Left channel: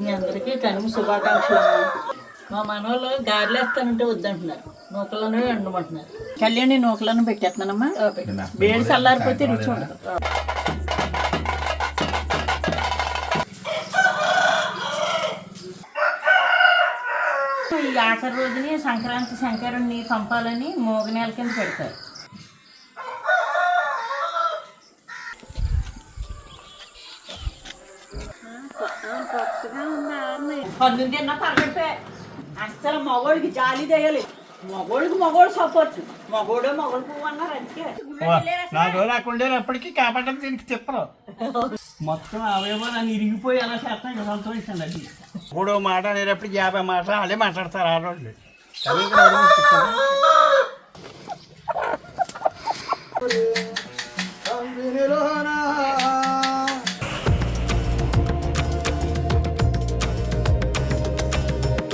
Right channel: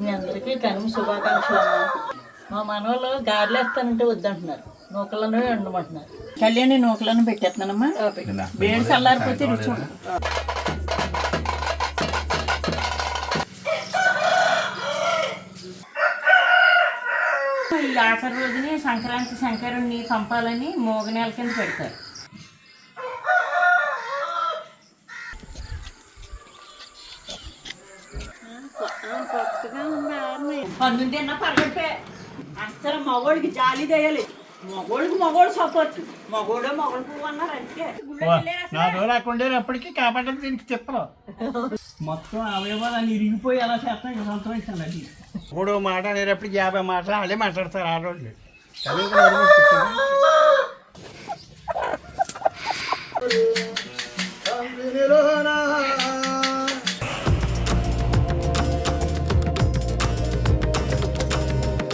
మీ అందరికీ కనుమ శుభాకాంక్షలు. మా మనవాళ్ళు గారెలు వేస్తానంటే వద్దంటున్నారు, నూకలను వండమంటున్నారు. కళ్యాణి నూకలను పెట్టేస్తున్నానమ్మా. వేడి చల్లారిపోతే రుచి ఉండదు. ఈ ఆఖరి రోజుని సంక్రాంతి శంకరుణ్ణి పంపాలని మోగనేల కింద పెడతారు. పన్నెండు అన్నా పరగడిపోయా. అసలు మగోడికి జాలి చేయాలి, మగోడు సపోర్ట్. మగోడు పువ్వు అన్నారు. అంటే నా రోజు రాకుండా ఎప్పటికీ కాపాడడం దీనికి చెప్పరు. మొత్తం అవయవాన్ని ఇరిగిపోయి ఎలా చేస్తాం ఇక సంతోషించండి. అది 3వ మాట అనేటప్పటికి 50 మాటలు వాళ్ళే మాట్లాడతారు ఆ రోజులు. కానీ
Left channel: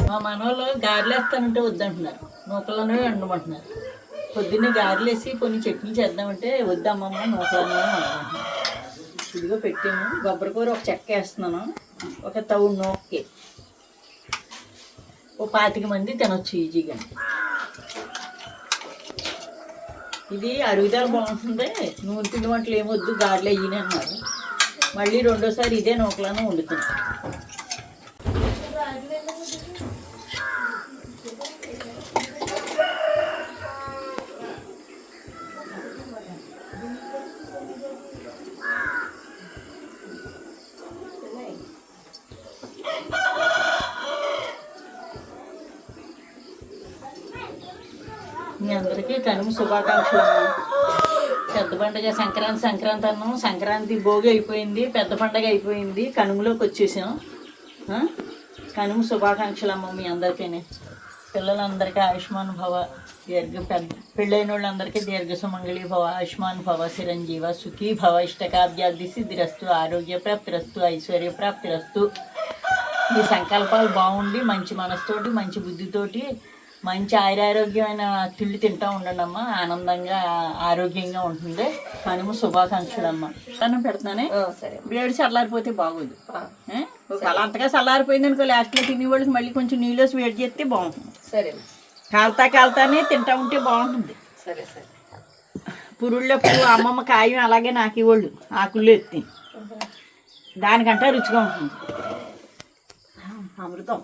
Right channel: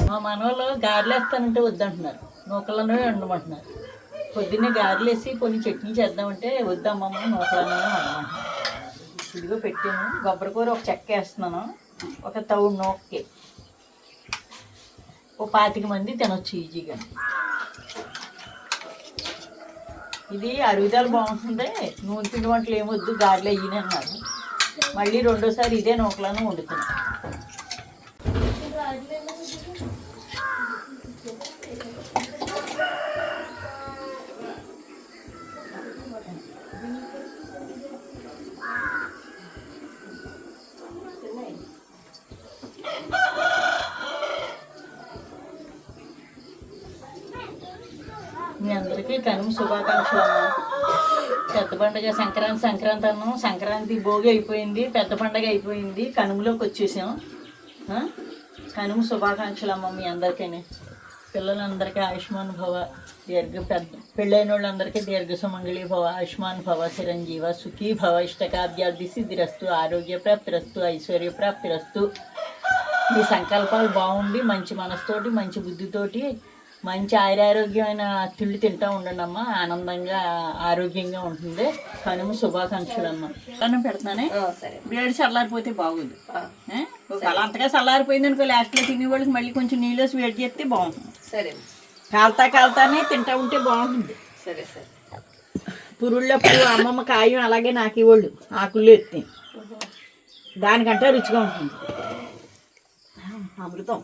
మా మనవాళ్ళు గారెలు వేస్తానంటే వద్దంటున్నారు, నూకలను వండమంటున్నారు. పొద్దున్నే గారెలు వేసి కొన్ని చట్నీ చేద్దామంటే వద్దమ్మమ్మ నూకలను వండమంటున్నారు. ఇదిగో పెట్టాను. కొబ్బరికూర ఒక చెక్క వేస్తున్నాను, ఒక తవుడు నూకకి. ఓ 25 మంది తినొచ్చు ఈజీగా. ఇది అరుగుదల బాగుంటుంది. నూనె పిండి వంటలు ఏమొద్దు, గారెలు అయ్యిని అన్నారు. మళ్ళీ రెండోసారి ఇదే నూకలను వండుతున్నాను. మీ అందరికీ కనుమ శుభాకాంక్షలు. పెద్ద పండుగ సంక్రాంతి అన్నాం. సంక్రాంతి భోగి అయిపోయింది, పెద్ద పండుగ అయిపోయింది, కనుమలోకి వచ్చేసాం. కనుమ శుభాకాంక్షలు అమ్మ మీ అందరికీ. పిల్లలందరికీ ఆయుష్మాన్ భవ, పెళ్ళైన వాళ్ళందరికీ దీర్ఘ సుమంగళి భవ, ఆయుష్మాన్ భవ, చిరంజీవ సుఖీ భవ, ఇష్టకార్యార్థి సిద్ధిరస్తు, ఆరోగ్య ప్రాప్తిరస్తు, ఐశ్వర్య ప్రాప్తిరస్తు. మీ సంకల్పాలు బాగుండి మంచి మనసుతోటి మంచి బుద్ధితోటి మంచి ఆరోగ్యమైన తిండి తింటూ ఉండండి అమ్మ. ఆనందంగా ఆరోగ్యంగా ఉంటుంది. కనుమ శుభాకాంక్షలు అమ్మ. అన్నం పెడతానే. వేడి చల్లారిపోతే బాగోదు. అలా అంతగా చల్లారిపోయింది అనుకో, లాస్ట్లో తినేవాళ్ళకి మళ్ళీ కొంచెం నీళ్ళు వేడి చేస్తే బాగుంటుంది. సరే, కాల్తానే తింటా ఉంటే బాగుంటుంది. సరే సరే. పురుళ్ళప్పుడు అమ్మమ్మ కాయం అలాగే నాకు ఇవ్వళ్ళు ఆకుళ్ళు ఎత్తి, దానికంటే రుచిగా ఉంటుంది. అమృతం.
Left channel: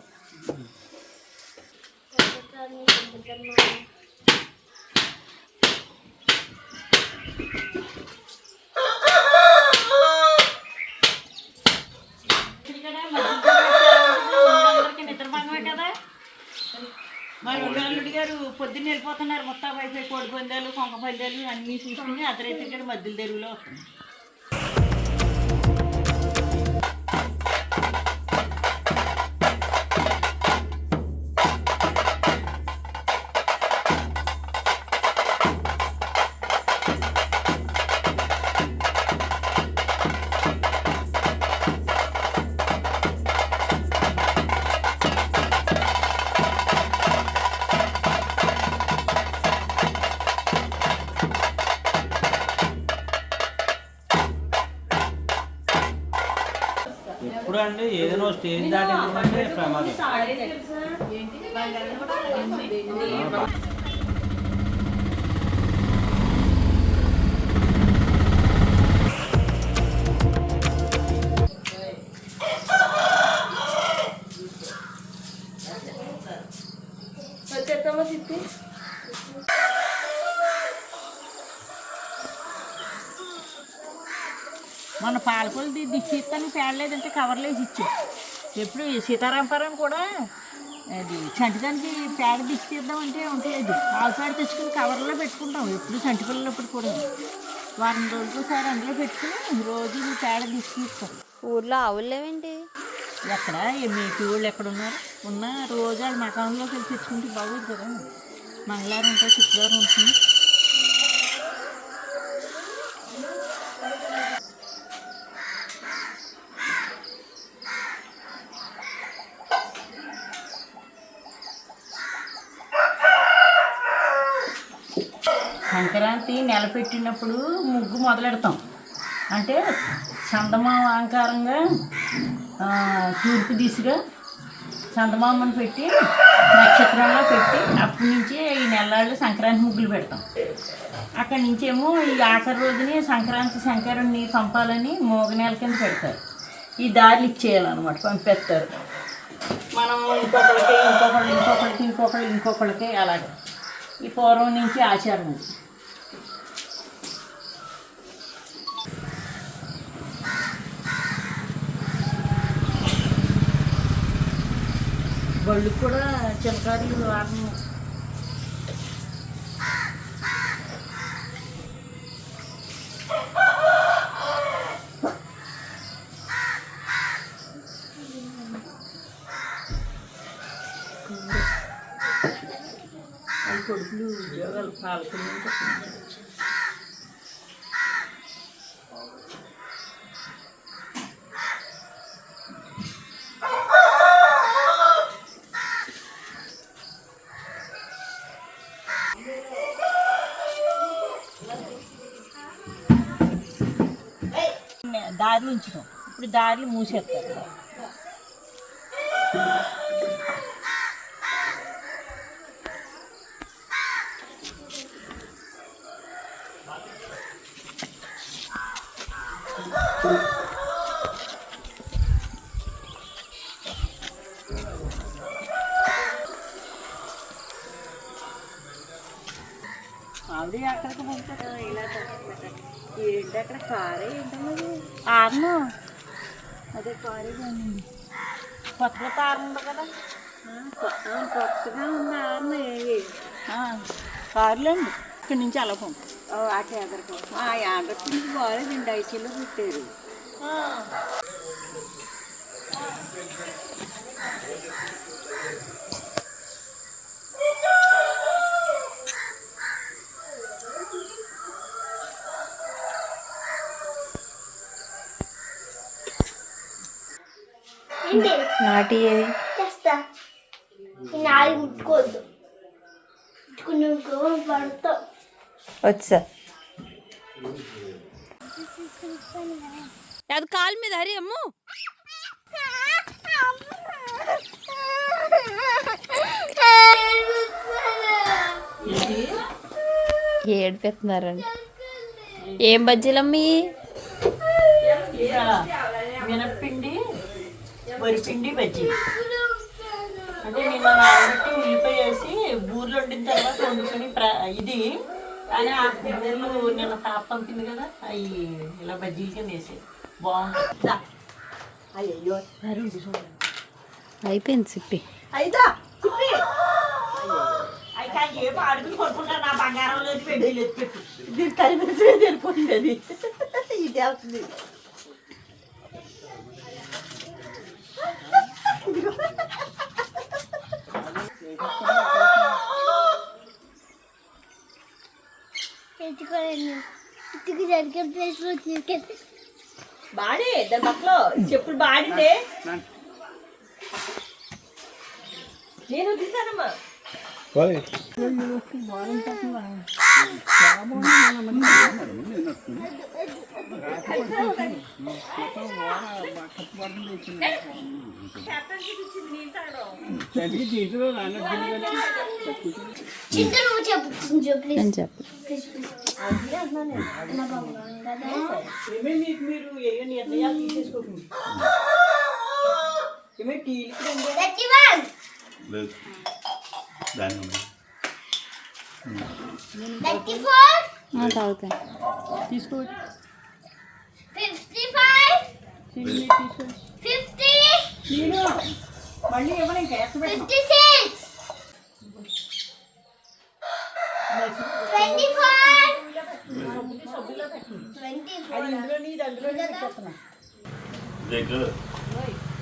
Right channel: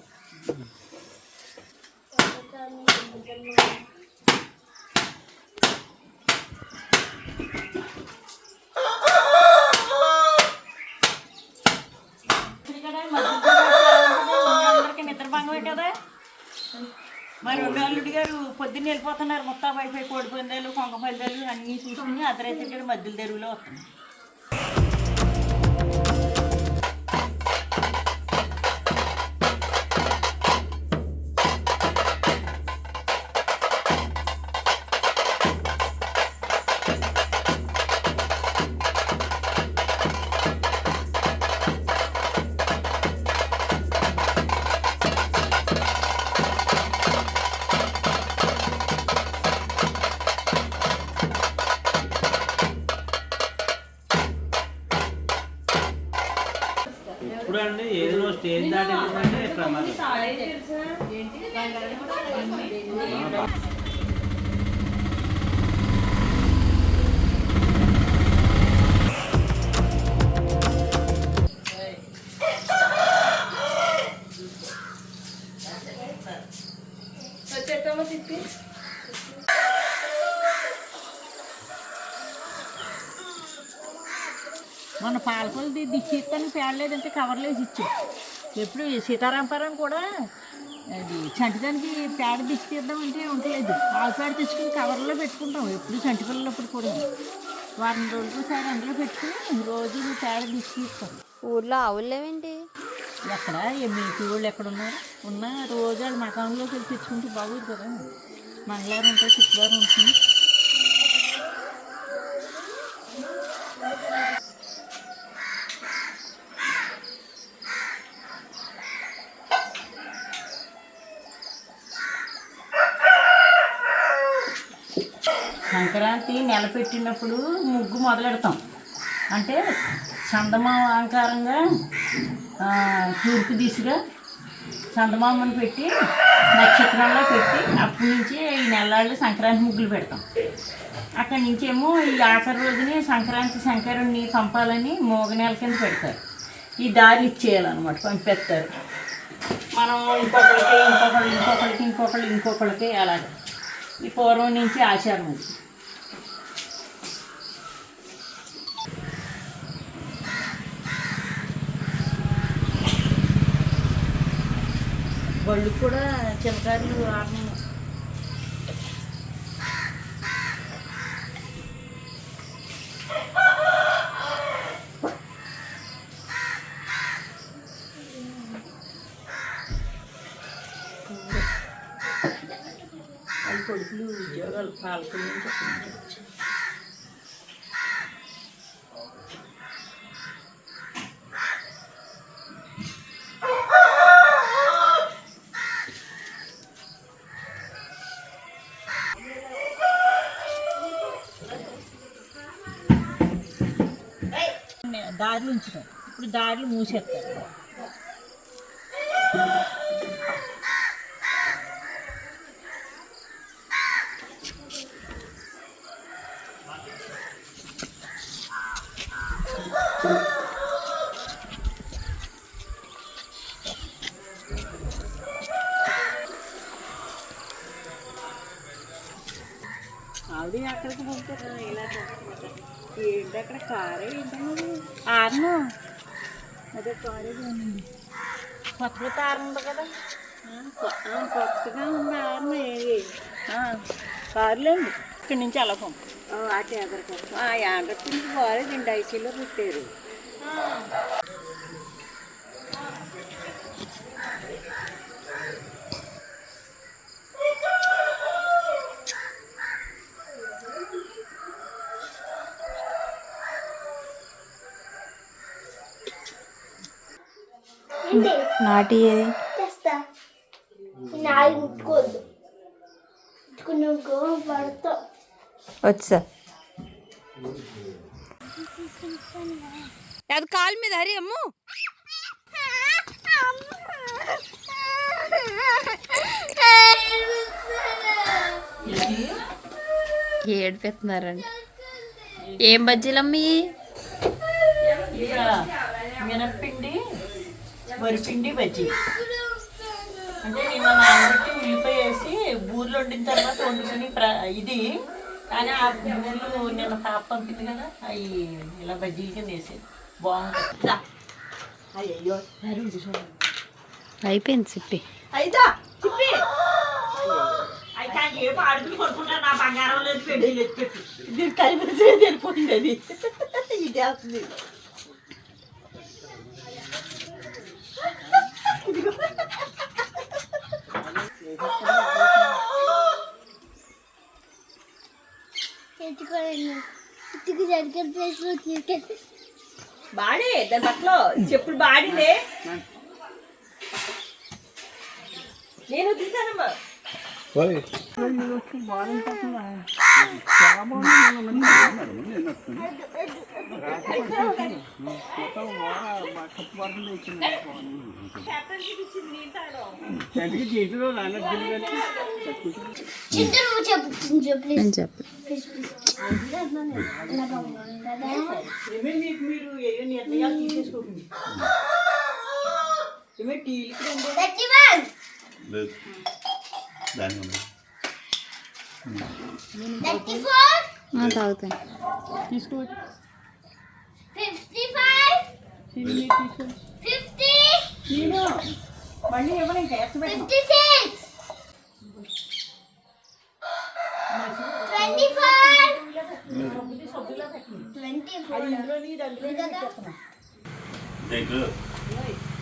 నిద్రభంగమే కదా. మరి అల్లుడి గారు పొద్దున్న వెళ్ళిపోతున్నారు. మొత్తం వైఫై కోడి పందాలు, కొంక పందాలు అన్నీ చూసుకుని అర్ధరైతే ఇక్కడ మధ్యలో తెరువులో వస్తుంది. ఇప్పుడు అండి ఏదైనా స్టేజ్ దాటిందంటే ప్రమాదం. మన పాలకొలు దిష్టి ఇస్తాను పేడలేదంటే కవర్లు వేసి ఇచ్చాం. ఎప్పుడు సీతారాంపురం కూడా అది చంటిదానికి పేడ దిష్టి తీద్దామంటే ఉండలేదు. ఆవు పేడ తెచ్చుకుని కవర్లో పెట్టుకుంటాం. ఎప్పుడు చంటి పిల్లలప్పుడు కూడా వారం రోజులకోసారి అందులో పెట్టుకుని రోజు పేడ దిష్టి తీస్తాం. ఊర్లో ఆవులు లేవేంటి? ఎక్కడ మీకు ఊళ్ళు ఎక్కడున్నారు? ఉన్న రోజు వాళ్ళు మకాంలోకి వెళ్ళి తెచ్చుకుంటే బాగోదు కదా. మంగళవారం ఉంటుంది, శుక్రవారం ఉంటుంది. సంక్రాంతి నెల పెట్టినప్పుడు ముగ్గు మొదలెడతాం. అంటే చందమామ అలంకారంగా తూర్పు దిశగా చందమామను పెట్టి నక్షత్రంలో పెట్టి అప్పటి నుంచి ఈ నెలలు సంక్రాంతి ముగ్గులు పెడతాం. అక్కడి నుంచేమో ఈ ఆఖరి రోజుని సంక్రాంతి శంకరుణ్ణి పంపాలని మోగనేల కింద పెడతారు. ఈ దారులు ఇచ్చేయాలన్నమాట, పంపిస్తారు. మనం ఇంకొకళ్ళకి అలాగే ఈ పూర్వం నుంచి ఆచారం ఉంది. బళ్ళు కూడా చిలకారులు ఆడము. అవి కొడుకులు ఉద్యోగాలు పాలకులు నుంచి దారులు ఉంచుతాం. ఇప్పుడు దారులు మూసేస్తారు. ఆవిడ అక్కడికి పంపుతారు. ఇలా ఏంటి అక్కడ కారే ఏంటన్నది ఆరను, అదే కారే కానీ కొత్త కొత్త ఆరు ఉంది కదా, కొత్తగా ఉంది ఆరను. కార్లేండి ఇక్కడి నుంచి అలా పంపు. ఆ చేదరికి ఆ యాండ్రకి నుంచి బాగాలేదండి, ఐసీలో పెట్టారు. నాటి చేస్తా నాలుగు ముట్టుకోవద్దు, నువ్వు పడతావు. వచ్చా అది కాలు మీద హరి అమ్ము. ఏడిపెడుతున్నారండి. ఏం బజ్జీలమ్మి? మినప్పిండి వరిపిండి బజ్జీ. అంటే నిన్న నానబెట్టి ఉల్లిపాయ వేసి బూరెలు వండిన తర్వాత వండుకుని ఇది కానీ ఆ బూరెలు నిన్న పాప పంపింది కదా, అవి ఇలా బజ్జీల కింద వేసి బాగుంటుంది. అయ్యో అయిపోయింది చిప్పి. అయిదా చిప్పి అయితే ఏమో అడుగులు కొనుక్కుంటా, నా బంగారం లేదు పెళ్లి లేదు చెప్పి దీనికి కలిపి వెళ్ళిపోయింది. అది ఇది వస్తుంది. జరిగే ప్లేస్ లో బాడీ దాని బట్టలో చెప్పులు బాడితే నేను వదిలితానమ్మా. నేను చెప్పు. మీరు ఏ నిర్ణయాలు తీసేసుకోకండి. తాగుతాయి తీసుకోవచ్చు. 55 నేను మళ్ళీ ఇవ్వను ఇంకా 56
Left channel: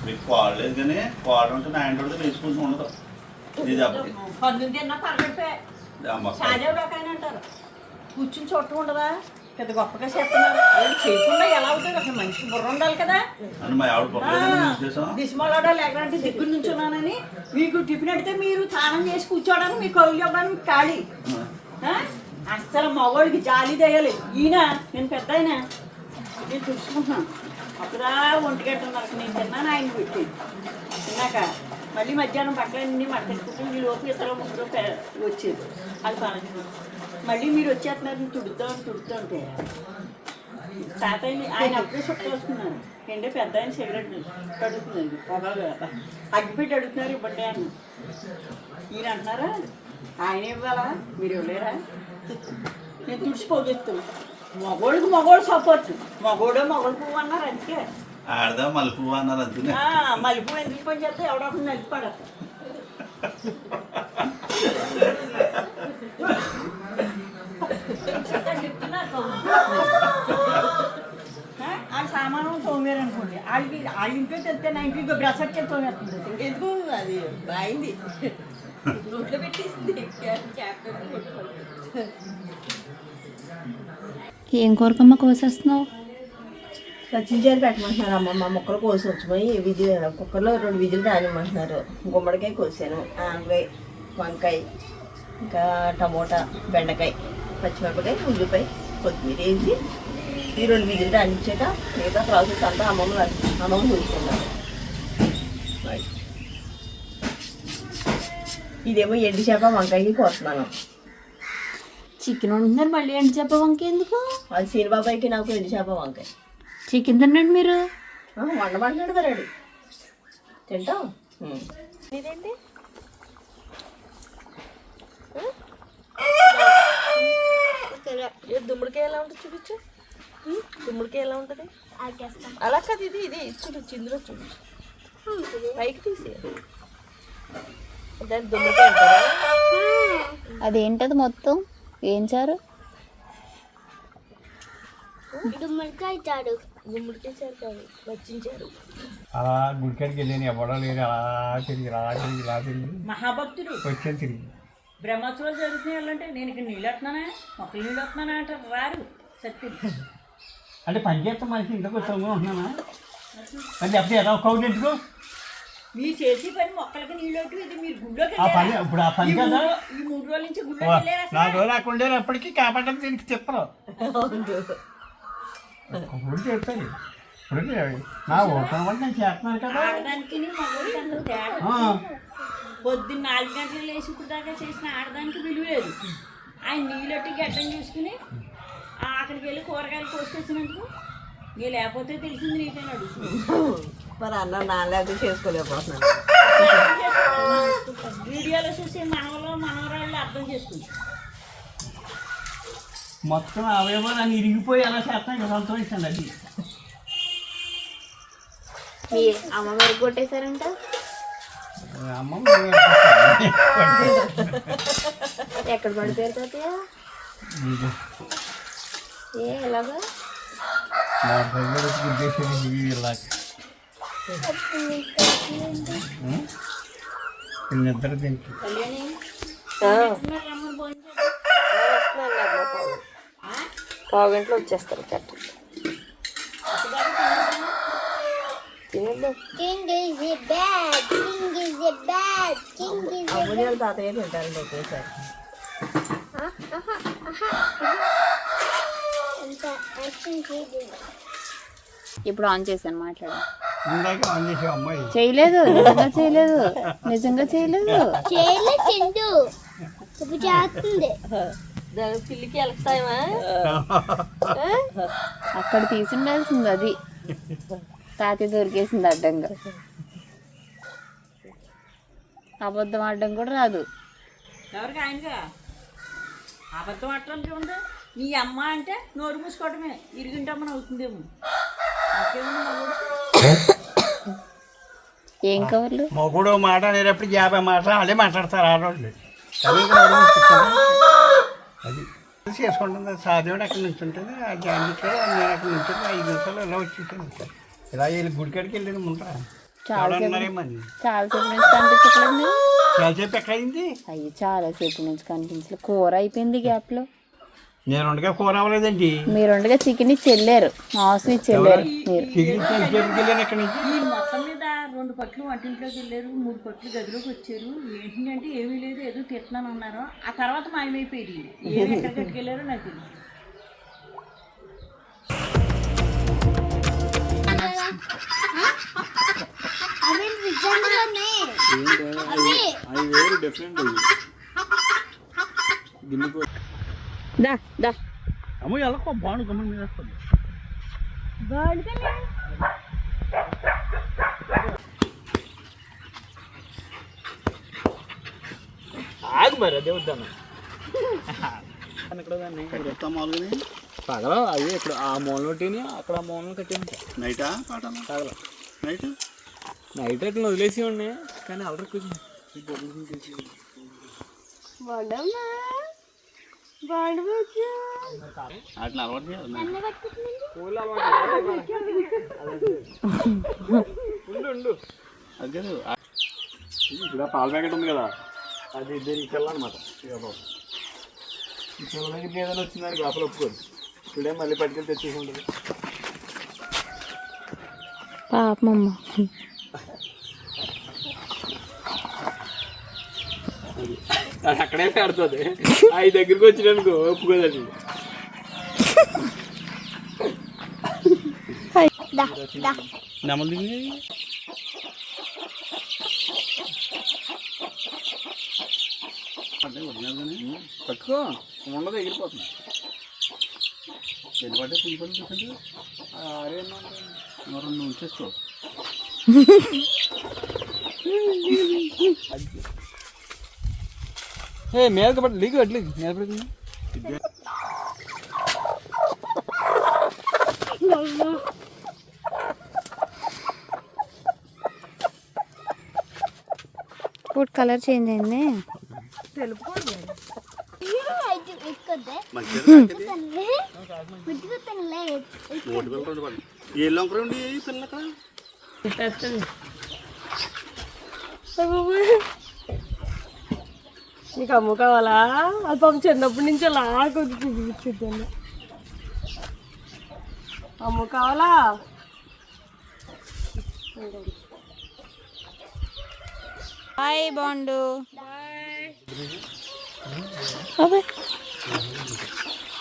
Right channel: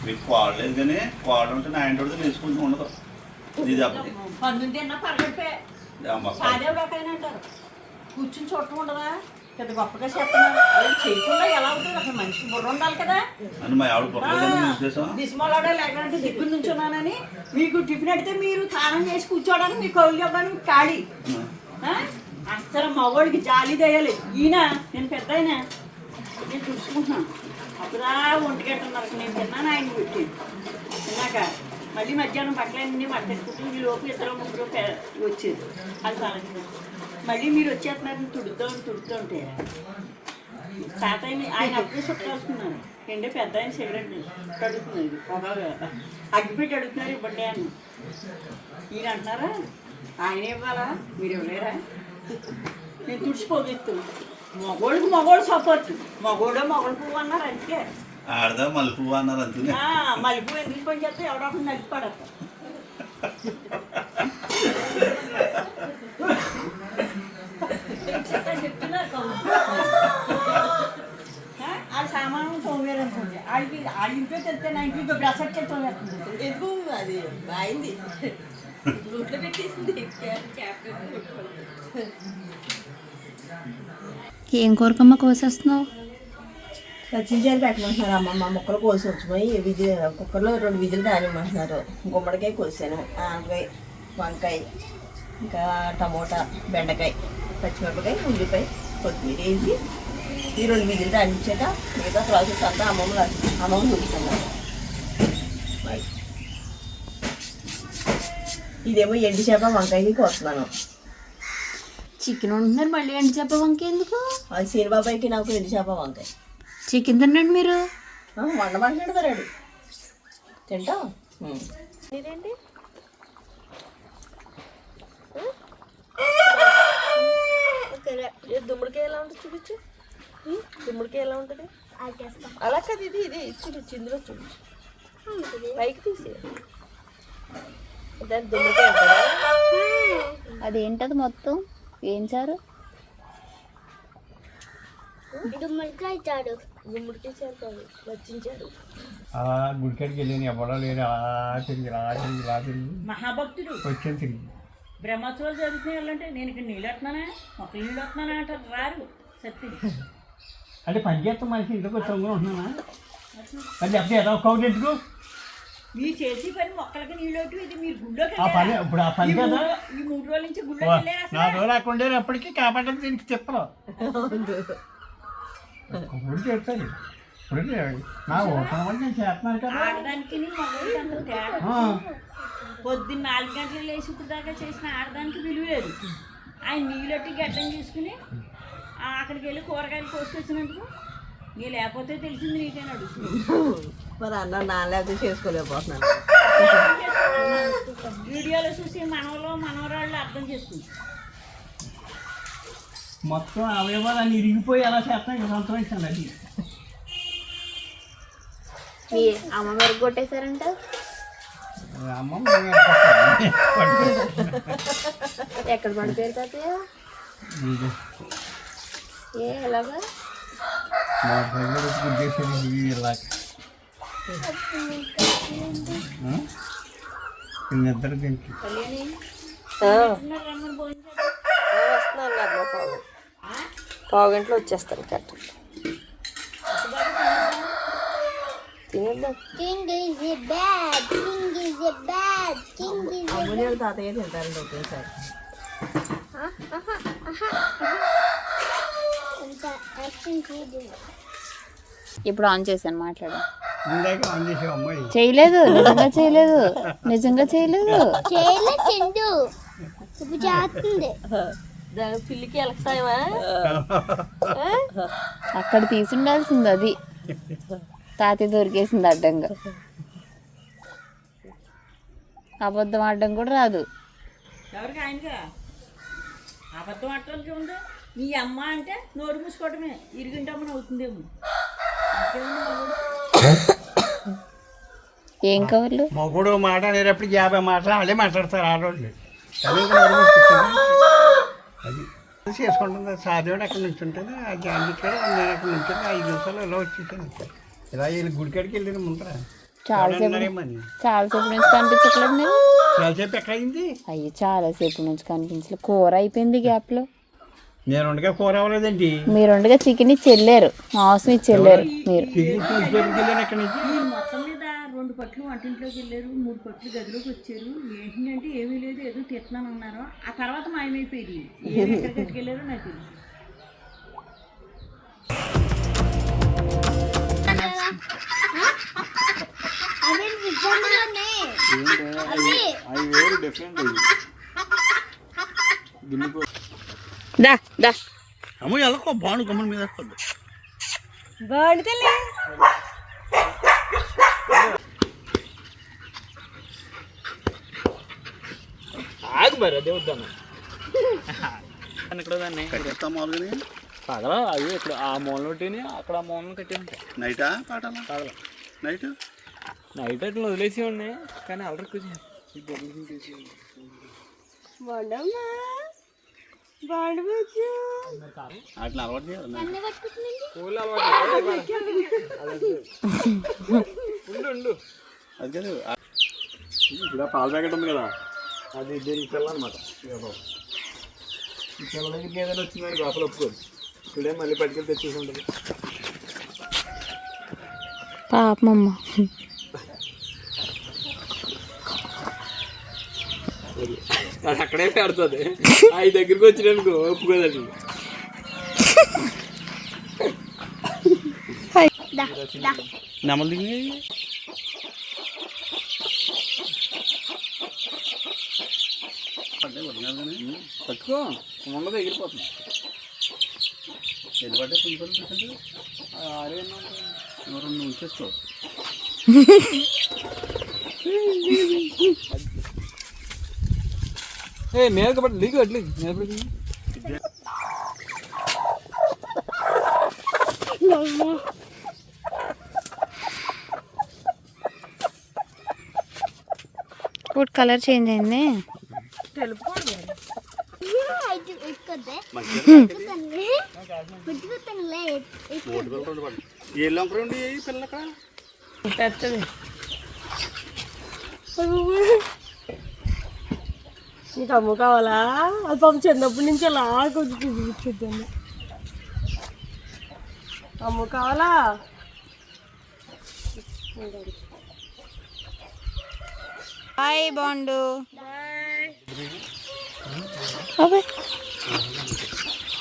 మీకు కోడ లేదు కానీ కోడ ఉంటే నా ఇంటి వద్ద వేసుకుంటూ ఉండదు. ఇది పందుంటే అన్న పరగడిపోయా అంటారు. కూర్చుని చోటు ఉండదా, పెద్ద గొప్పగా చేస్తున్నారు. చేయకుండా ఎలా అవుతుంది? అసలు మనిషికి బుర్ర ఉండాలి కదా. అని మా ఆవిడ పక్కన ఉద్దేశం దిశమాలోడా లేకపోతే దగ్గర నుంచున్నానని మీకు టిఫిన్ అడితే మీరు స్నానం చేసి కూర్చోవడానికి మీ కౌలు ఇవ్వడానికి ఖాళీ. అసలు మగవాడికి జాలి దయ్యాలి. ఈయన నేను పెద్ద అయినా నేను చూసుకుంటున్నాను. అప్పుడా 1:30 నేను తిన్నాను, ఆయన పెట్టేది తిన్నాక మళ్ళీ మధ్యాహ్నం బట్టలన్నీ మట్టెట్టుకుంటూ ఈ లోపు 2-3 వచ్చేది. అది పని మళ్ళీ మీరు వచ్చేస్తున్నారు తుడుతుంటే తాతయ్య ఆయన అప్పుడే చుట్టేస్తున్నారు. రెండే పెద్ద ఆయన సిగరెట్ అడుగుతున్నారు, పొగలు అగ్గిపెట్టి అడుగుతున్నారు, ఇవ్వండి అని. మీరు అంటున్నారా ఆయన ఇవ్వాలా, మీరు ఇవ్వలేరా? నేను తుడిచిపోగెత్తు. మగోడు సపోర్ట్, మొగోడు పువ్వు అన్నారు అందుకే. ఆడదా మలుపు అన్నారు అందుకే. మలుపు ఎందుకు పని చేస్తే ఎవడో ఒకటి నలిపి పడతా. ఆ సామాను తోమేరు అనుకోండి, వాళ్ళ ఇంట్లో తెలిస్తే నా ఇంట్లో బ్రష్ వచ్చి తోమేస్తుంది. ఎందుకు అది బాయింది నోట్లో పెట్టేసింది. ఏం కూరకమ్మ కోసేస్తున్నావు? పచ్చిమిరపకాయలు పెట్టమంటున్నారు అమ్మమ్మ. ముక్కలు కోసి వచ్చిపోయి కుక్కర్లో 2 విజిల్ రానిమ్మంటున్నారు. గుమ్మడికాయ కోసాను, ఆనపకాయ, వంకాయ, ఇంకా టమోటా, బెండకాయ, పచ్చిమిరపకాయ, ఉల్లిపాయ, కొత్తిమీర వేసి ఈ 2 విజిల్ రానిచ్చాక మిగతా ప్రాసెస్ అంతా అమ్మమ్మ చూసుకున్నారు. ఇదేమో ఎండి చేప వంకాయకి కోస్తున్నాను. చికెన్ వండుతున్నారు, మళ్ళీ ఎండు చేప వంకాయ ఎందుకు? అది సీనిబాబాయికి నాకు ఎండి చేప వంకాయ. చికెన్ తినండి మీరు. వండమంటున్నాడు కదా రెడీ తింటాం. ఇదేంటి దుమ్ముడికాయ ఎలా ఉంటుంది చూపించు. దుమ్ముడికాయ ఎలా ఉంటుంది? అలా కాదు, ఇది చూపించు, ఇందులో చూపించు, పైకి తీసి దాన్ని దుమ్ముడికాయ అంటారా? అదేంటది మొత్తం ఏం చారు? గుమ్మడికాయ చారు. గుమ్మడికాయ చారు కాదు, నచ్చించారు. అలా గుడికాడికి వెళ్ళాను, ఎవడో లేరు. అలా తిరిగి మహాభక్తుడు వచ్చాను తిరిగి. బ్రహ్మోత్సవాలు జరుగుతున్నాయి వెళ్ళంటే నేను ఇక్కడ నీళ్ళు వస్తున్నానా, మొక్కలు నీళ్ళు వస్తున్నానా అంటారు, రారు సత్యం. అంటే పని చేస్తాం మనిషి ఇంటికి వచ్చి ఉంటున్నానా? మరి అప్పుడు ఎలా కౌలు ఎందుకు? మీరు చేసి పని మొక్కలకి నీళ్ళు ఇది మీరు గుళ్ళోకి ఆ పని ఇప్పుడు ఆ పని కదా. ఈ 3 రోజుల నుంచి గుళ్ళోకి వెళ్ళారు. 4 రోజులు అక్కడ ఎప్పటికీ కాపాడడం దీనికి చెప్పరు. ఇప్పుడు చెప్తాను. ఇప్పుడు నా ఓపెన్ అంటే నేను చేస్తున్నాను కదా. ఆడదానికి మగవాడికి అందరూ తేడా. పొద్దున్న 4 గంటలు లేచి ఇప్పుడు దాకా చేసిన ఆడదానికి విలువ లేదు. ఆయన నీళ్ళొట్టి గడ్డం చూసుకుని అక్కడికి వెళ్ళి కూరగాయలు కోసుకొచ్చినందుకు ఇక లేకపోతే తెలిసింది నీకే అడుగుతుంది. మరి అన్నం నాలుగు చేసుకోలేకపోతున్నాను. వీడియోలో చూసి మనవరాళ్ళు అర్థం చేసుకుంటారు. మొత్తం అవయవాలు అని ఇరిగిపోయి ఎలా చేస్తాం ఇక సంతోషించండి. అది అమ్మ మెరుగు కొట్టేశారంట. అమ్మమ్మ ఎక్కడ పడిపోయారు తాతయ్య? ఎలాగా ఉద్దేశం ఇలా నిద్ర దీనికి పావుగంటలో వచ్చేస్తారు కట్ట. King is a bad. King is a bad. King is a అమ్ముని తాతయ్య తింటారండి ఒకేసారి. అంత యాక్షన్ చేయదు. ఇప్పుడు ఆన్ చేశాను, మాట్లాడు. ఇందాక ఆన్ చేసే అమ్మాయి చేయలేదు, నిజంగా చేయలేదు. చేయలే చిందు ఇప్పుడు చేస్తుంది. పిల్లికి ఎలక్తాయమా? అక్కడ తీసి ఉండాల్సింది, అది తాతయ్య దొరికేసింది అడ్డంగా. అబద్ధం ఆడడం కూడా రాదు. ఎవరికి ఆయనగా అబద్ధం ఆడటానికి ఉంది. నీ అమ్మ అంటే నోరు మూసుకోవడమే, ఇరిగింటమ్మని అవుతుందేమో. ఏం కవర్లు? మొగుడు మాట అనేటప్పుడు 50 మాటలు వాళ్ళే మాట్లాడతారు ఆ రోజులు. కానీ అది చేసుకుంటుంది. సాధ్యవాడు అక్కడ నుంచి ఉంటుంది, ఆ జాంగిట్లో నేను అక్కడ నుంచి 5 నిమిషాలు ఇలా వచ్చేసాను. ఇలా వెళ్ళి గుడికాడికి వెళ్ళిన ముందర చాలాసేపు నుంచి కనిపించట్లేదు నేను. చాలాసేపు ఎక్కడ అయింది? అయ్యి చాలాసేపు నుంచి కనిపించలేదు. కూర అయిపోయింది గ్యాప్లో. నేను ఉండగా కూర అవ్వలేదండి. మీరు ఉండగా చికెన్ ఇచ్చి వెళ్ళారు, మాంసం ఇచ్చి వెళ్ళారు మీరు. వెళ్ళాను ఎక్కడి నుంచి. మీరు మొత్తం మీద 2 పట్లు వంటింట్లోకి వెళ్ళారు, 3 పట్లు గదిలోకి వచ్చారు. ఏంటంటే ఏమీ లేదు, ఏదో తిట్టినాను అన్నారు. ఆ తర్వాత మాయమైపోయింది. ఏమి ఎక్కడికి వెళ్ళారో నాకు తెలియదు. అవి నిజంగానే అవి వేరు డిఫరెంట్ అవి గిన్నె దా దా అమ్మ ఎలాకో బాగుండు గమ్మని మీద బాగుంటుంది ఆగు మరి అదే వద్దాను ఇక్కడ దాన్ని కట్టేస్తా మామూలుగానే పగల అవి ఇక్కడ ఆ మూల ఒకటిని అక్కడ ఆ మూలను కట్టేది నైటా పాటలా పగల నైట్ నైట్ అట్లా వదిలేసి ఉండి కానీ అల్లరి కొంచెం బాగుండమ్మా బాగుండవచ్చు వాటిని అలవాటు చేయాలి కోళ్ళు అలవాటు ఉండు అదే ఇక్కడ పాల ప్యాకెట్ ఉంది కదా అది దీనికి పిల్లనమాట ఈ పిల్ల దగ్గరికి ఏదైనా వచ్చిందని లోపల ఒప్పుకోదు ఇక్కడే మళ్ళీ పట్టుకెళ్ళి తెచ్చేసి ఉంటుంది పాపమ్మ అది అక్కడే పెడుతుంది అవి దగ్గరికి వచ్చినానుకో ఒప్పుకోదు అది నెమలి పట్టుకో ఉండదు ఎగిరిపోతుంది ఎన్ని పడ్డా పులి పళ్ళు తీసుకుంటే రెండు ఉంచేసుకో మీద పడి లీక్ అట్లీ మీద పడుతుంది ఫుడ్ కలర్ చేంజ్ అయింది ఏళ్ళు ఉండి పిల్లలు అక్కడ నీకు అమ్ము కావాలా అది పాపం చిన్నప్పటి నుంచి అలా కొద్దిగా చూపించుద్దాను అమ్ము కావాలా హాయ్ బాండు అబ్బాయి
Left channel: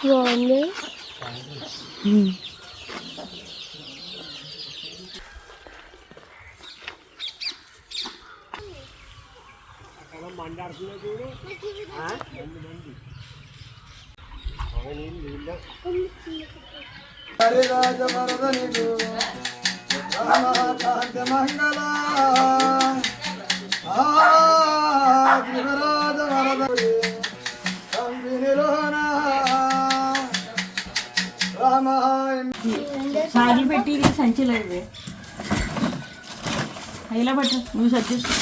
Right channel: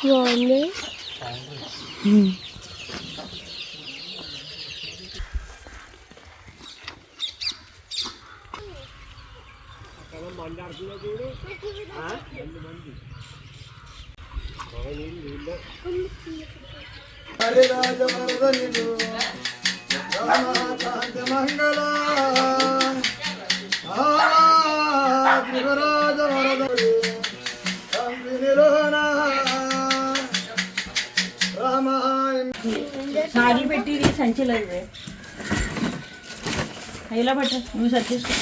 బాగుంది సాగి పెట్టి ఇది సంచిలో ఇది ఇలా పెట్టు నువ్వు సర్దేసుకో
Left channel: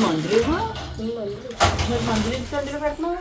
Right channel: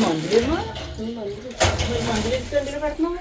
మందులేమో మందులు ఇస్తే అందులో పెడుతున్నావు